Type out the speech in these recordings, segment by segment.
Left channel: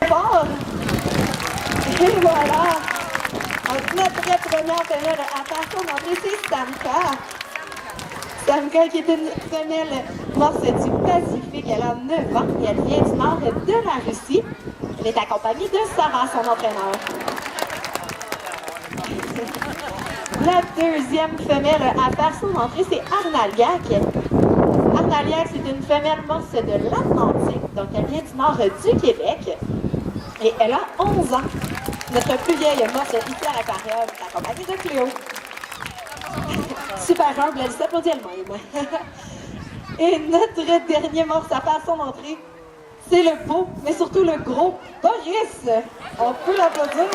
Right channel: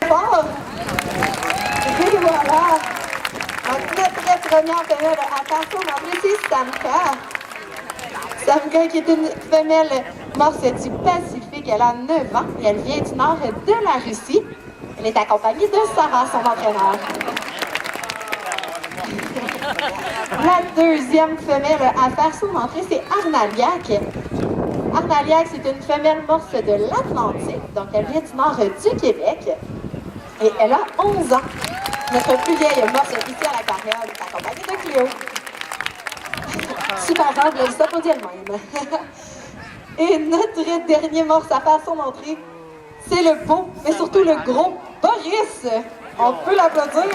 Fort! Et voilà! Donc, notre première femelle, attention, on c'est Samka. Samka, qui est une femelle morse du Pacifique, elle a 9 ans et elle vient du nord de la Russie. Elle est accompagnée de Sarah, son entraîneur. La deuxième femelle à faire son entrée, c'est Arnaliak. Arnaliak, c'est une femelle morse de l'Atlantique, donc elle vient du nord du Québec. Et elle a 11 ans. Notre plus vieille morse ici à l'aquarium est accompagnée de Cléo. Super humble, elle s'applaudit elle-même. Et notre dernier morse à faire son entrée, c'est le beau, mais surtout le gros Boris. On peut l'applaudir.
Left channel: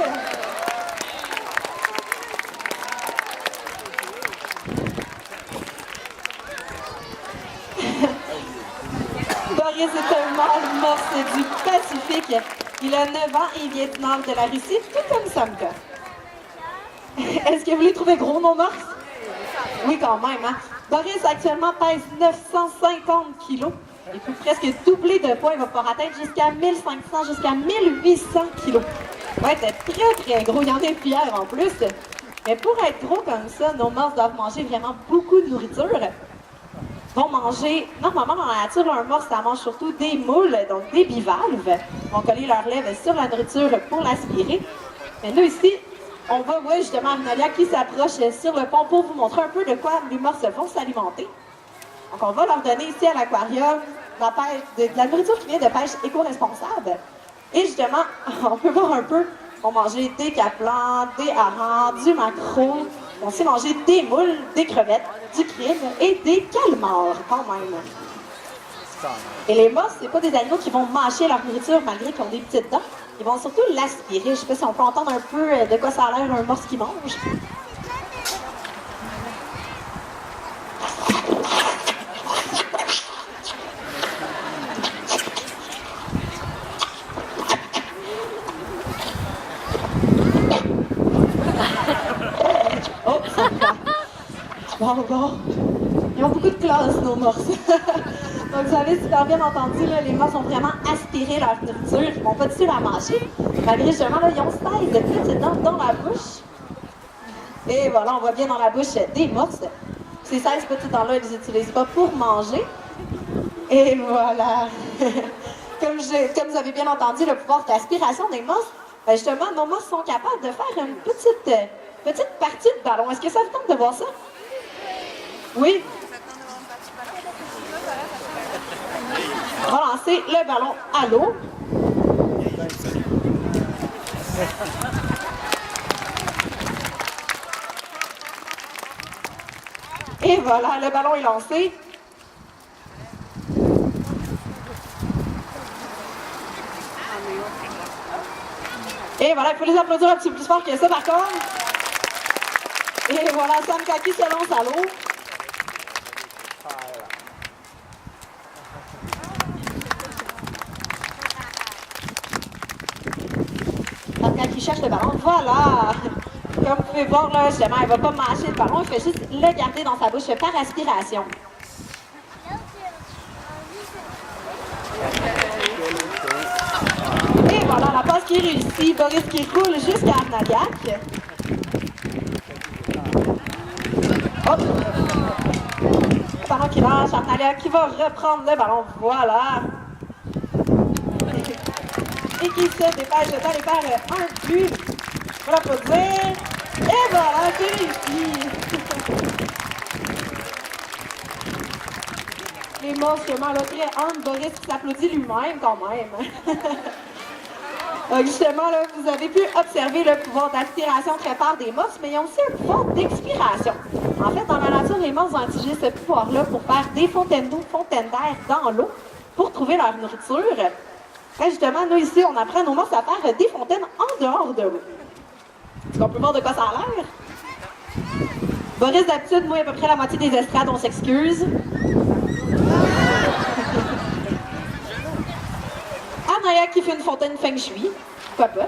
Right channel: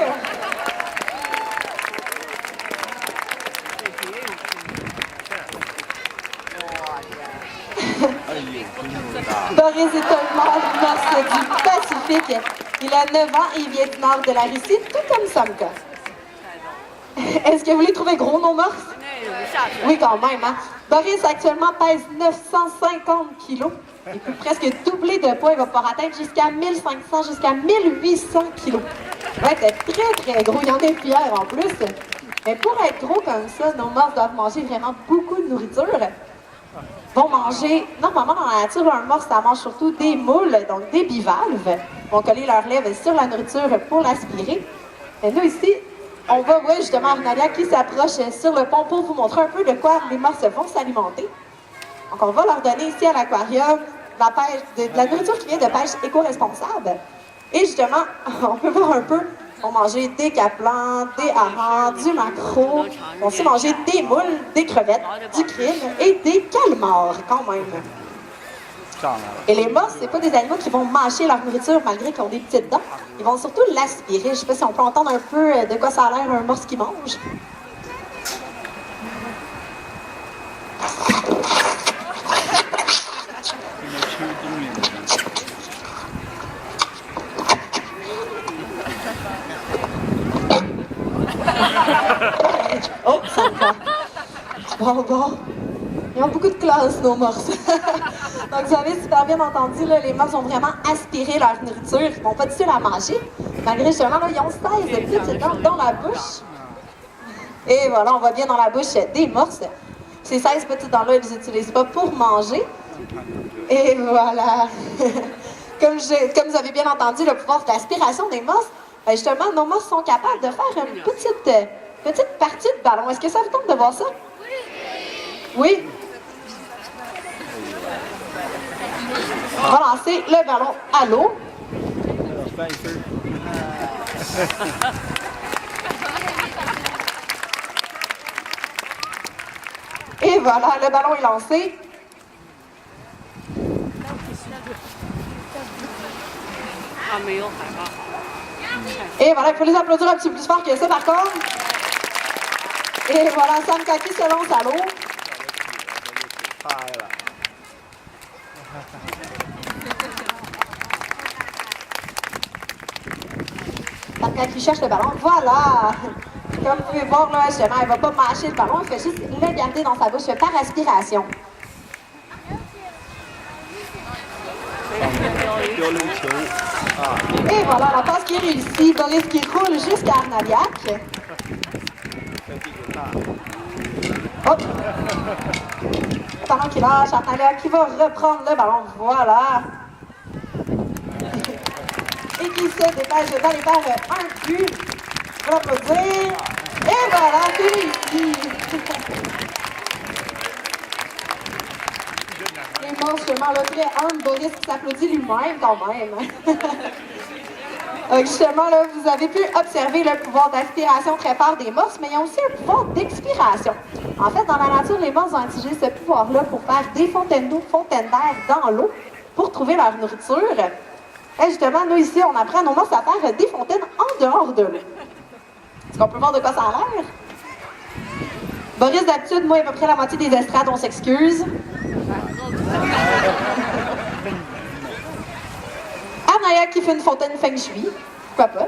Boris est un morse du Pacifique. Il a 9 ans et il vient du nord de la Russie, tout comme Samka. Est-ce que vous les trouvez gros, nos morses? Oui, quand même. Hein? Boris, actuellement, pèse 950 kilos. Il peut presque doubler de poids. Il va pouvoir atteindre jusqu'à 1500, jusqu'à 1800 kilos. Il va être très, très gros. Il y en a plusieurs en plus. Mais pour être gros comme ça, nos morses doivent manger vraiment beaucoup de nourriture. Vont manger, normalement dans la nature, un morse, ça mange surtout des moules, donc des bivalves. Ils vont coller leurs lèvres sur la nourriture pour l'aspirer. Et nous ici, on voit justement Arnalia qui s'approche sur le pont pour vous montrer un peu de quoi les morses vont s'alimenter. Donc on va leur donner ici à l'aquarium de la nourriture qui vient de pêche éco-responsable. Et justement, on peut voir un peu, ils vont manger des caplans, des harengs, du maquereau. Ils vont aussi manger des moules, des crevettes, du krill et des calmars quand même. Et les morses, c'est pas des animaux qui vont mâcher leur nourriture malgré qu'ils ont des petites dents. Ils vont surtout l'aspirer. Je sais pas si on peut entendre un peu de quoi ça a l'air un morse qui mange. Oh, ça me va. Bon. Ils ont beaucoup de classe, nos morses. Donc, vous avez super bien entendu, là, les morses ont vraiment aspiré leur nourriture. Ils ne vont pas du tout la manger. Malgré, justement, là, ils ont 16 petites dents dans la bouche. Et voilà, on voit bien dans la bouche des morses. Ces 16 petites dents-là, ils ne les utilisent pas pour manger. Et voilà. Comme vous avez bien entendu, le pouvoir d'aspiration des morses, justement, nos morses sont capables de faire une petite partie de ballon. Est-ce que ça vous tente de voir ça? Oui? On va lancer le ballon à l'eau. Et voilà, le ballon est lancé. Et voilà, il faut les applaudir un petit peu plus fort que ça par contre. Et voilà, Samka qui se lance à l'eau. Samka qui cherche le ballon. Voilà! Comme vous pouvez voir, là, justement, elle ne va pas mâcher le ballon, elle fait juste le garder dans sa bouche par aspiration. Et voilà, la passe qui est réussie. Boris qui roule jusqu'à Arnaliak. Hop! Pendant qu'il lâche, Arnaliak qui va reprendre le ballon. Voilà! Et qui se dépêche d'aller faire un but. On va l'applaudir. Et voilà, c'est réussi! Les morses, justement, là, très humble, Boris qui s'applaudit lui-même quand même. Justement, là, vous avez pu observer le pouvoir d'aspiration très fort des morses, mais il y a aussi un pouvoir d'expiration. En fait, dans la nature, les morses ont utilisé ce pouvoir-là pour faire des fontaines d'eau, fontaines d'air dans l'eau, pour trouver leur nourriture. Et justement, nous ici, on apprend à nos morses à faire des fontaines en dehors de l'eau. Est-ce qu'on peut voir de quoi ça a l'air? Boris, d'habitude, moi, à peu près la moitié des estrades, on s'excuse. Arnaliak qui fait une fontaine feng shui. Pourquoi pas?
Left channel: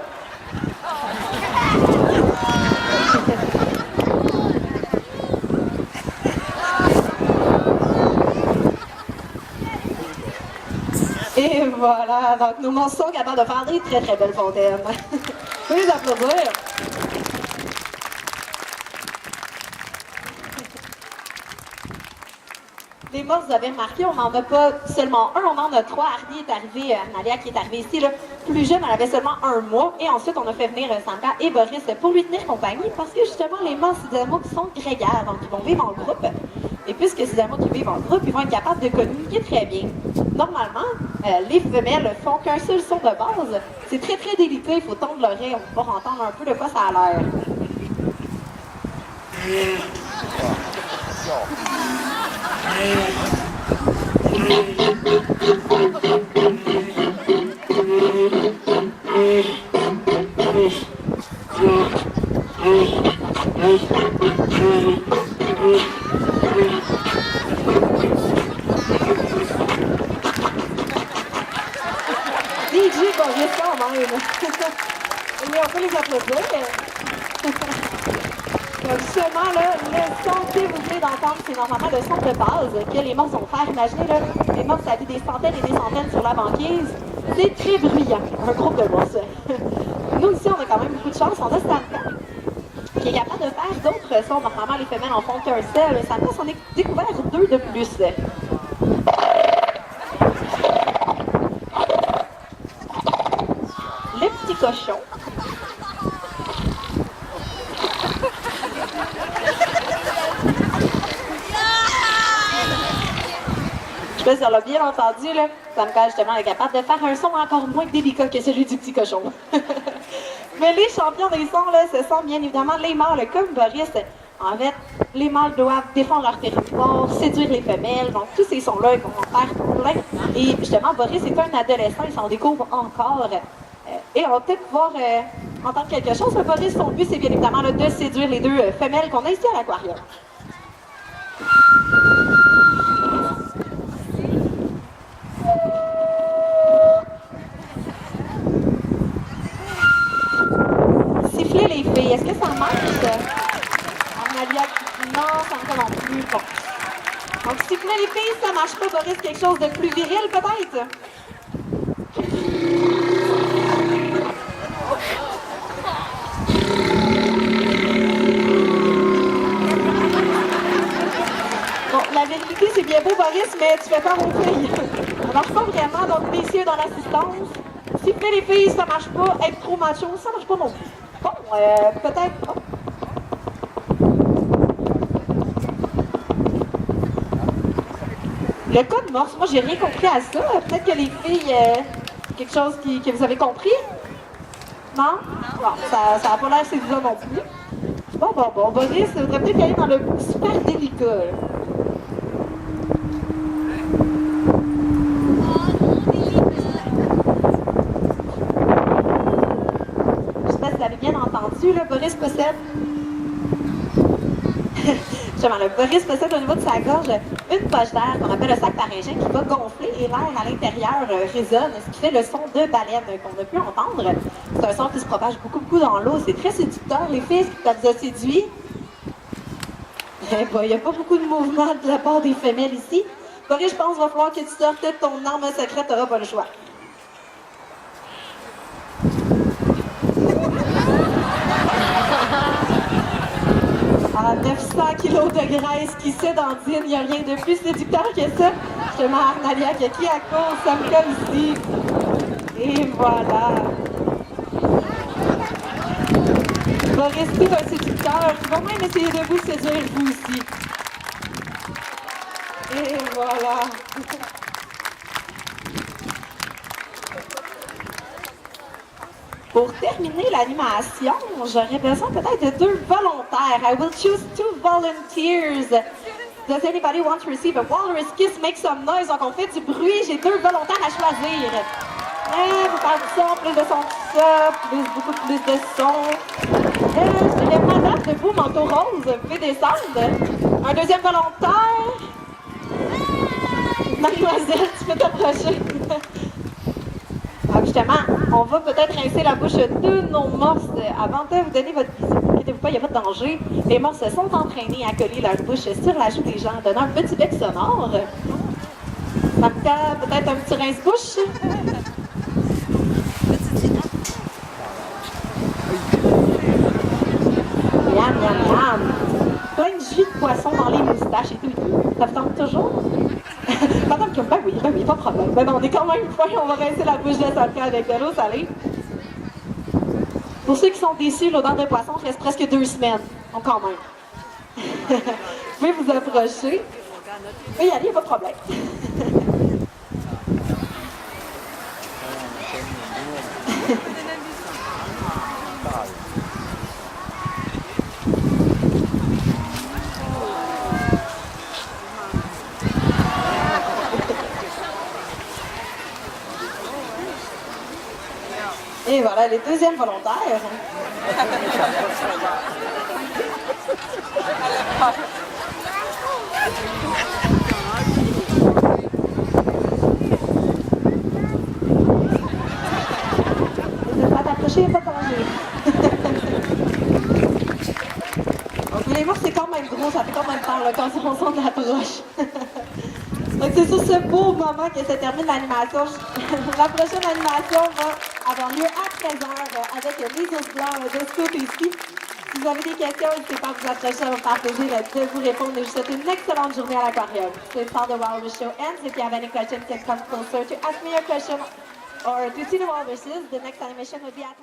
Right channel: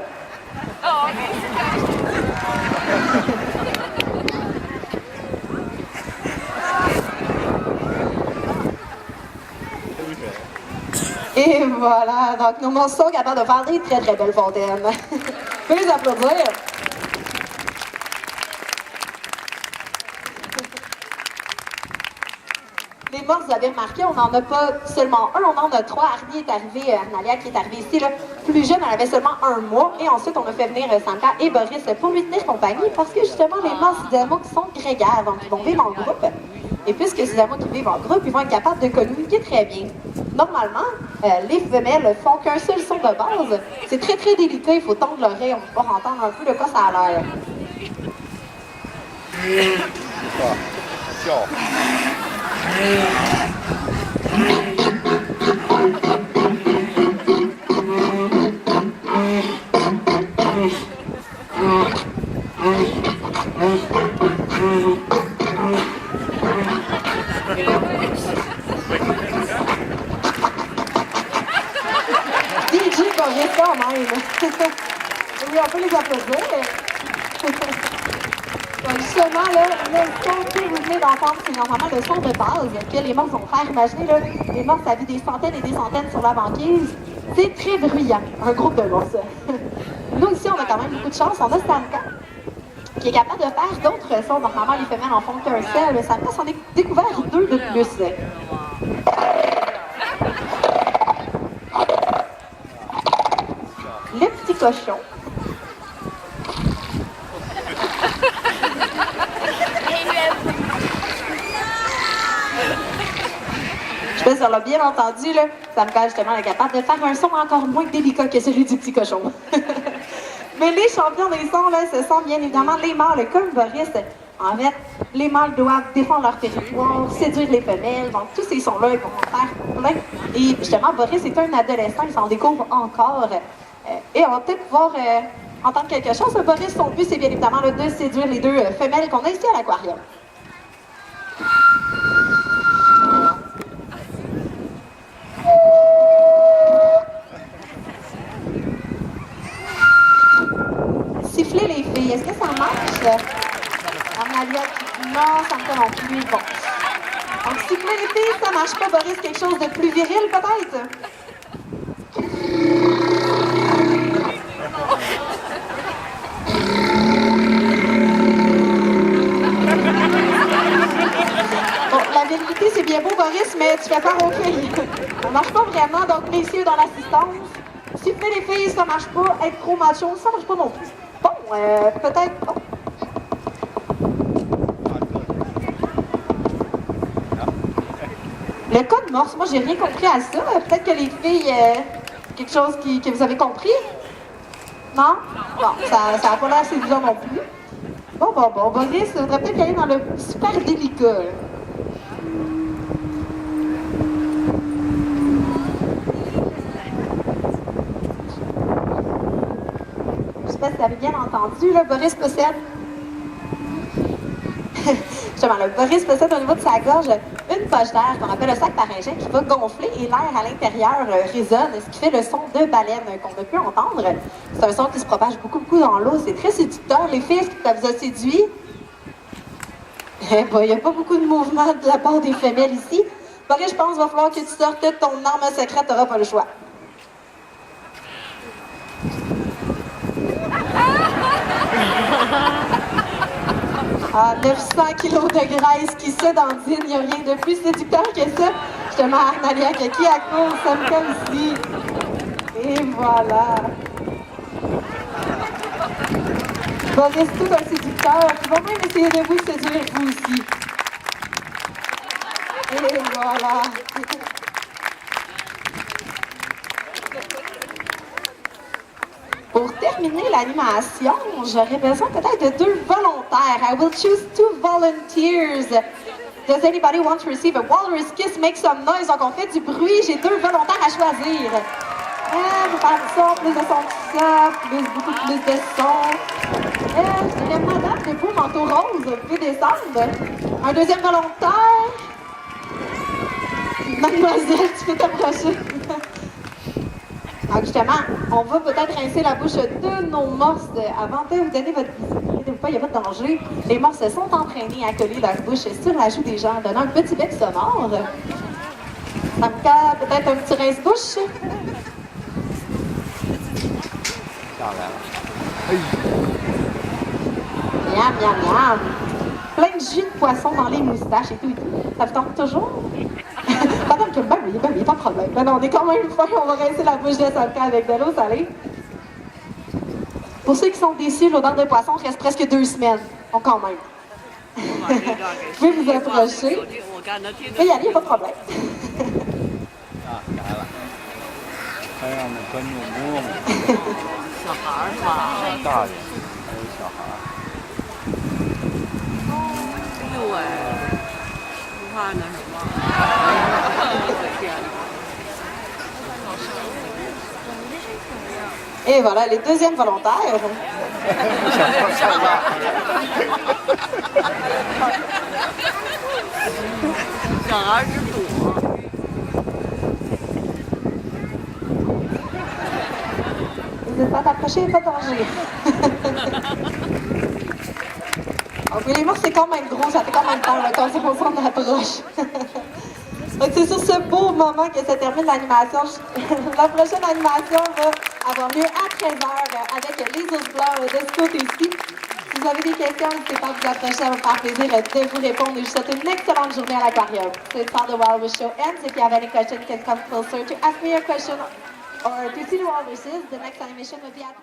Et voilà, donc nos monstres sont capables de faire des très très belles fontaines. Vous les applaudir. Les morses, vous avez remarqué, on n'en a pas seulement un, on en a trois. Arnie est arrivé, Arnalia qui est arrivée ici, là, plus jeune, elle avait seulement 1 mois. Et ensuite, on a fait venir Santa et Boris pour lui tenir compagnie parce que justement, les morses, c'est des animaux qui sont grégaires, donc ils vont vivre en groupe. Et puisque ces animaux qui vivent en groupe, ils vont être capables de communiquer très bien. Normalement, les femelles font qu'un seul son de base. C'est très très délicat, il faut tendre l'oreille, on peut pas entendre un peu de quoi ça a l'air. DJ Boris quand même. Oui, on peut les applaudir. Justement, là, le son que vous venez d'entendre, c'est normalement le son de base que les morses vont faire. Imaginez, là, les morses, ça vit des centaines et des centaines sur la banquise. C'est très bruyant, un groupe de morses. Nous, ici, on a quand même beaucoup de chance. On a Santa, qui est capable de faire d'autres sons. Normalement, les femelles en font qu'un seul. Santa s'en est découvert 2 de plus. Le petit cochon. Je sais pas si on l'a bien entendu, là. Santa, justement, est capable de faire un son encore moins délicat que celui du petit cochon. Mais les champions des sons, là, ce sont bien évidemment les mâles, comme Boris. En fait, les mâles doivent défendre leur territoire, séduire les femelles. Donc, tous ces sons-là, ils vont en faire plein. Et justement, Boris est un adolescent, il s'en découvre encore. Et on va peut-être pouvoir entendre quelque chose. Boris, son but, c'est bien évidemment là, de séduire les 2 femelles qu'on a ici à l'aquarium. Siffler les filles, est-ce que ça marche? Arnalia, non, ça me commence plus. Bon. Donc, siffler les filles, ça marche pas. Boris, quelque chose de plus viril, peut-être? Bon, la vérité, c'est bien beau, Boris, mais tu fais peur aux filles. Ça marche pas vraiment, donc messieurs dans l'assistance, siffler les filles, ça marche pas. Être trop macho, ça marche pas non plus. Bon, peut-être pas. Le code morse, moi j'ai rien compris à ça. Peut-être que les filles, quelque chose que vous avez compris? Non? Bon, ça n'a pas l'air séduisant non plus. Bon, Boris, ça voudrait peut-être aller dans le super délicat. Je sais pas si vous avez bien entendu, là, Boris possède... Justement, le Boris possède au niveau de sa gorge une poche d'air qu'on appelle le sac pharyngien qui va gonfler et l'air à l'intérieur résonne, ce qui fait le son de baleine qu'on a pu entendre. C'est un son qui se propage beaucoup dans l'eau, c'est très séducteur. Les filles, est-ce que ça vous a séduit? Il n'y a pas beaucoup de mouvement de la part des femelles ici. Boris, je pense qu'il va falloir que tu sortes de ton arme secrète, tu n'auras pas le choix. Ah, 900 kilos de graisse qui se dandine, il n'y a rien de plus séducteur que ça. Justement, Arnalia qui a court, ça me colle ici. Et voilà. Boris, tout un séducteur qui va même essayer de vous séduire vous aussi. Et voilà. Pour terminer l'animation, j'aurais besoin peut-être de 2 volontaires. I will choose 2 volunteers. Does anybody want to receive a walrus kiss? Make some noise. Donc on fait du bruit. J'ai 2 volontaires à choisir. Vous parlez de son, plus de son que ça, beaucoup plus de son. Il y a madame de beau manteau rose. Vous pouvez descendre. Un deuxième volontaire. Mademoiselle, tu peux t'approcher. Donc justement, on va peut-être rincer la bouche de nos morses avant de vous donner votre visite. Inquiétez-vous pas, il n'y a pas de danger. Les morses sont entraînés à coller leur bouche sur la joue des gens en donnant un petit bec sonore. Donc peut-être un petit rince-bouche. Miam, miam, miam. Plein de jus de poisson dans les moustaches et tout. Ça vous tente toujours? Madame que, ben oui, pas de problème. Ben non, on est quand même fin, on va rincer la bouche de Solka avec de l'eau salée. Pour ceux qui sont déçus, l'odeur de poisson reste presque 2 semaines. Donc quand même. Vous pouvez vous approcher. Oui, y aller, pas de problème. Et voilà, les deuxièmes volontaires. Vous n'êtes pas accrochés, pas de danger. Donc, les morts, c'est quand même gros, ça fait quand même peur quand on s'en approche. Donc, c'est sur ce beau moment que se termine l'animation. La prochaine animation va avoir lieu à 13h avec les autres blancs de ce côté-ci. Si vous avez des questions, n'hésitez pas à vous approcher, ça va me faire plaisir de vous répondre. Je vous souhaite une excellente journée à l'aquarium. So it's how the Wild Wish Show ends. If you have any questions, you can come closer to ask me a question or to see the Wild Wishes. The next animation will be at